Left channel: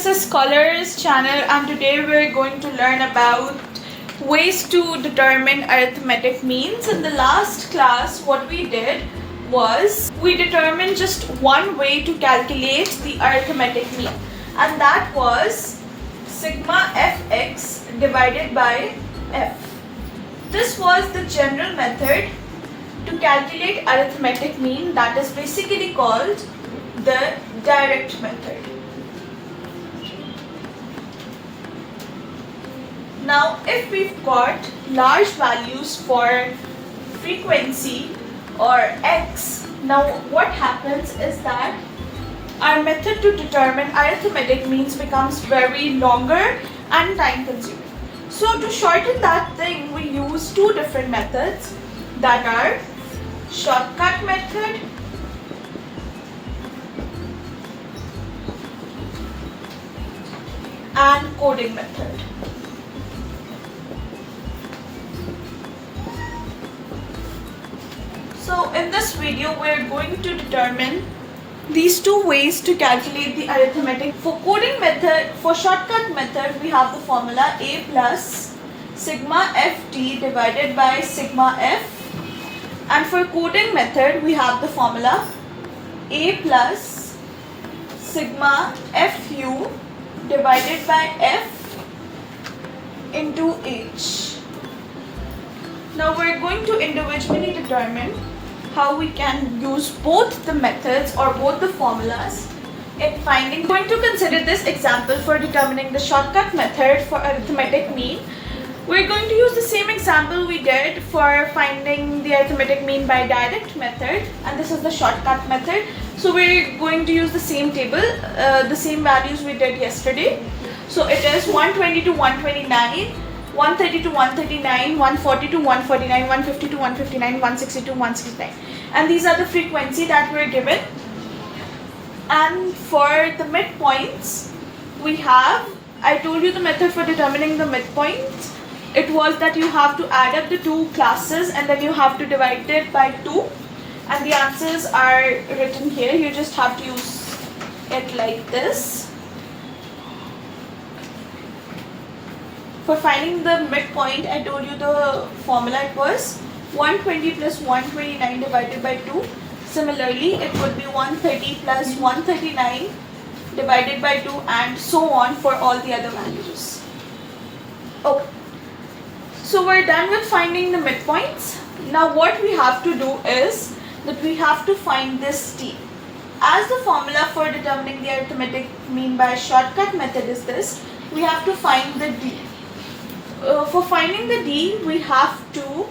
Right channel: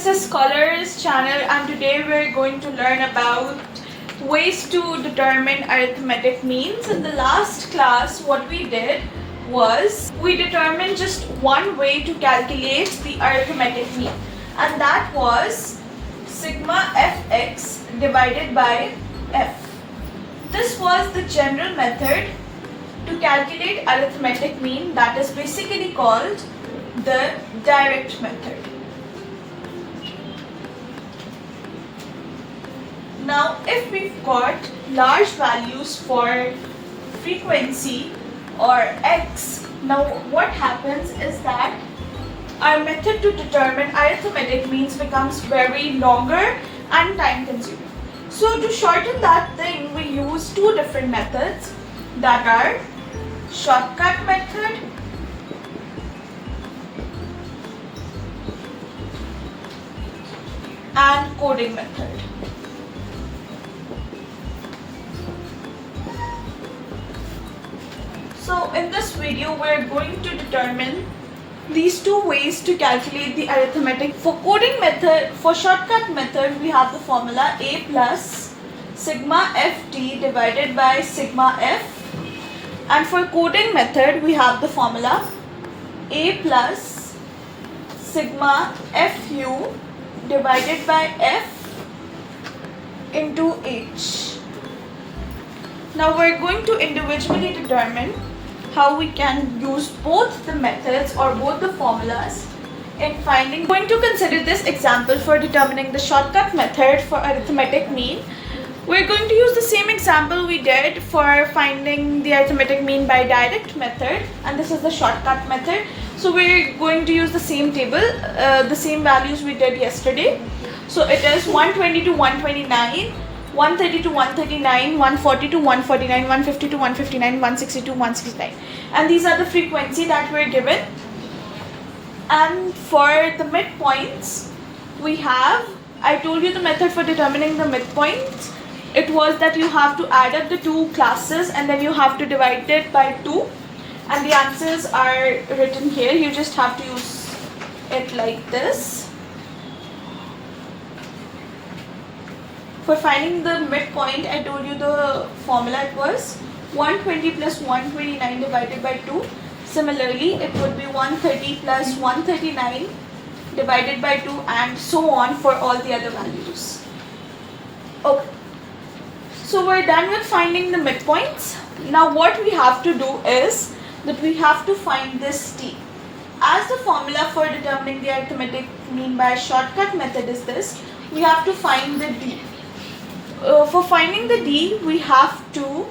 this is Scholars channel, and today we're going to learn about ways to determine arithmetic means. In the last class, what we did was we determined just one way to calculate the arithmetic mean, and that was sigma fx divided by f. This was the general method to calculate arithmetic mean, that is basically called the direct method. Now, if we've got large values for frequency or x, now what happens is that our method to determine arithmetic means becomes very longer and time consuming. So to shorten that thing, we use two different methods, that are shortcut method and coding method. So in this video, we're going to determine these two ways to calculate the arithmetic. For coding method, for shortcut method, we have the formula a plus sigma ft divided by sigma f, and for coding method, we have the formula a plus sigma fu divided by f into h. Now we're going to individually determine how we can use both the methods or both the formulas in finding. We're going to consider this example for determining the shortcut method for arithmetic mean. We're going to use the same example we did for finding the arithmetic mean by direct method, and this is the shortcut method. So we're going to use the same table, the same values we did yesterday. So it is 120 to 129, 130 to 139, 140 to 149, 150 to 159, 160 to 169. And these are the frequency that we're given. And for the midpoints, we have, I told you the method for determining the midpoints. It was that you have to add up the two classes and then you have to divide it by 2. And the answers are written here. You just have to use it like this. For finding the midpoint, I told you the formula, it was 120 plus 129 divided by 2. Similarly, it would be 130 plus 139 divided by 2, and so on for all the other values. Okay. So we're done with finding the midpoints. Now what we have to do is that we have to find this t. As the formula for determining the arithmetic mean by shortcut method is this, we have to find the d. For finding the d, we have to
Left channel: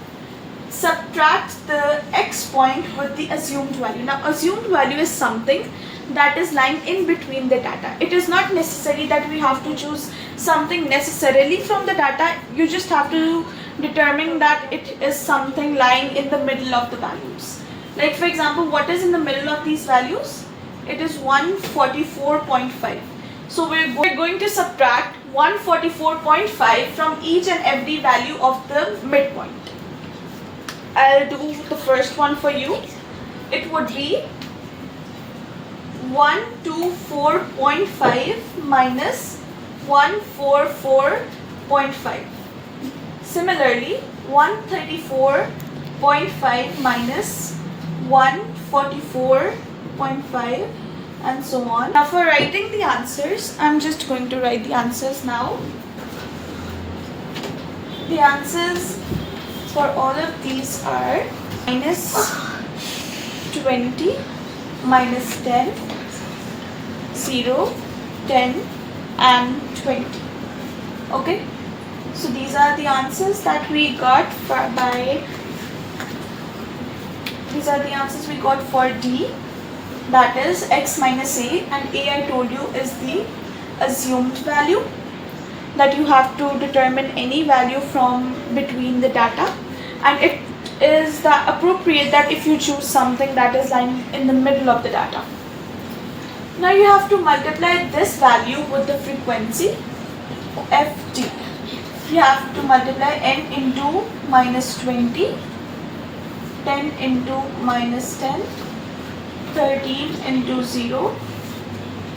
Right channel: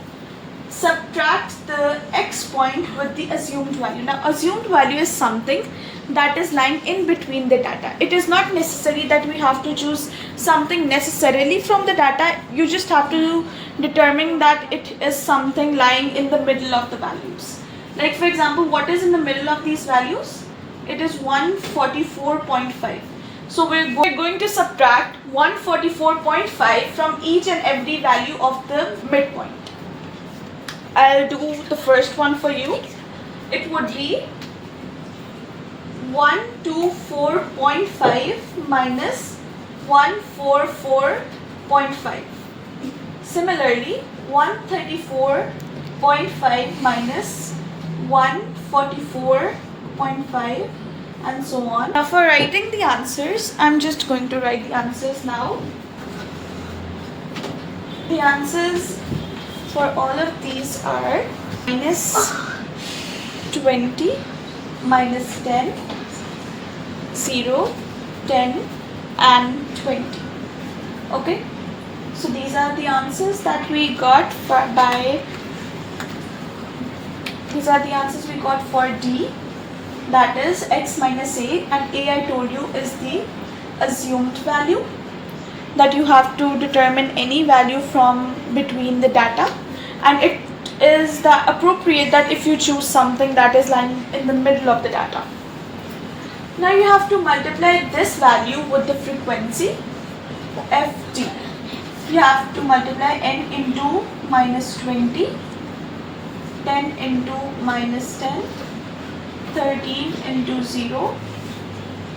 subtract the x point with the assumed value. Now, assumed value is something that is lying in between the data. It is not necessary that we have to choose something necessarily from the data. You just have to determine that it is something lying in the middle of the values. Like for example, what is in the middle of these values? It is 144.5. So we're going to subtract 144.5 from each and every value of the midpoint. I'll do the first one for you. It would be 124.5 minus 144.5. Similarly, 134.5 minus 144.5, and so on. Now for writing the answers, I'm just going to write the answers now. The answers for all of these are minus 20, minus 10, 0, 10 and 20. Okay, so these are the answers that we got for D, that is x minus a, and a I told you is the assumed value, that you have to determine any value from between the data, and it is that appropriate that if you choose something that is lying in the middle of the data. Now you have to multiply this value with the frequency ft. You have to multiply n into minus 20, 10 into minus 10, 13 into 0,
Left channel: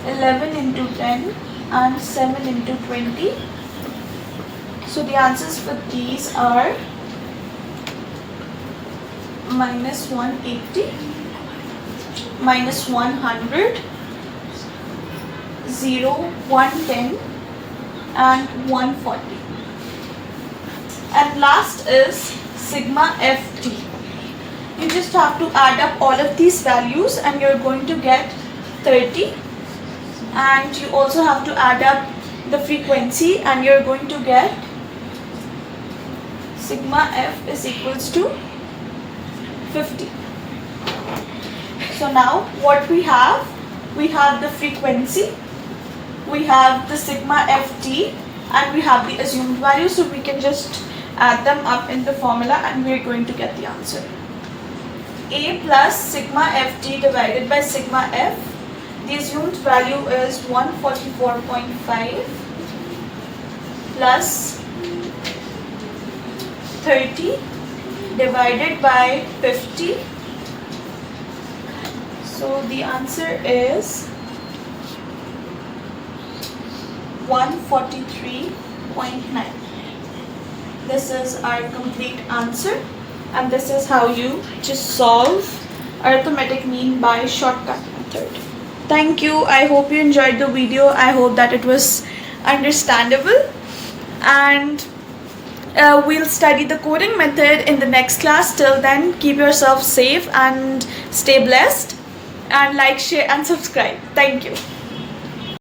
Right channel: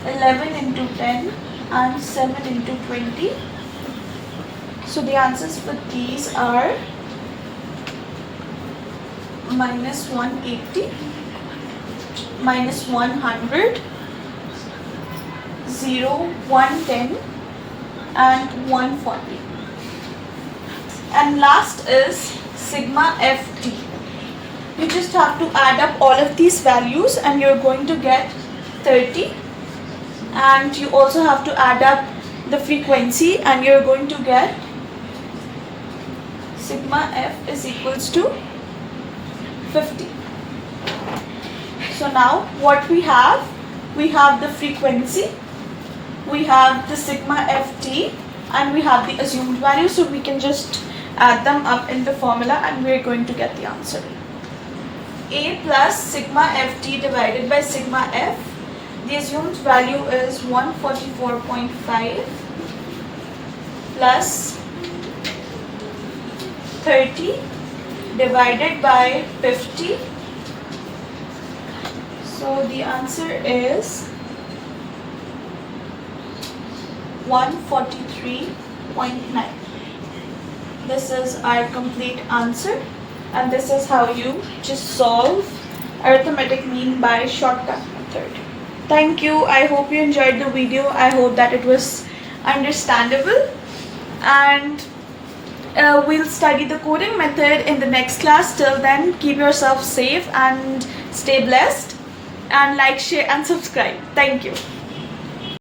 11 into 10, and 7 into 20. So the answers for these are minus 180, minus 100, 0, 110 and 140. And last is sigma ft. You just have to add up all of these values and you're going to get 30, and you also have to add up the frequency and you're going to get sigma f is equals to 50. So now what we have the frequency, we have the sigma ft, and we have the assumed value, so we can just add them up in the formula and we're going to get the answer. A plus sigma ft divided by sigma f, the assumed value is 144.5 plus 30 divided by 50. So the answer is 143.9. This is our complete answer, and this is how you just solve arithmetic mean by shortcut method. Thank you. I hope you enjoyed the video. I hope that it was understandable, and we'll study the coding method in the next class. Till then, keep yourself safe and stay blessed, and like, share and subscribe. Thank you.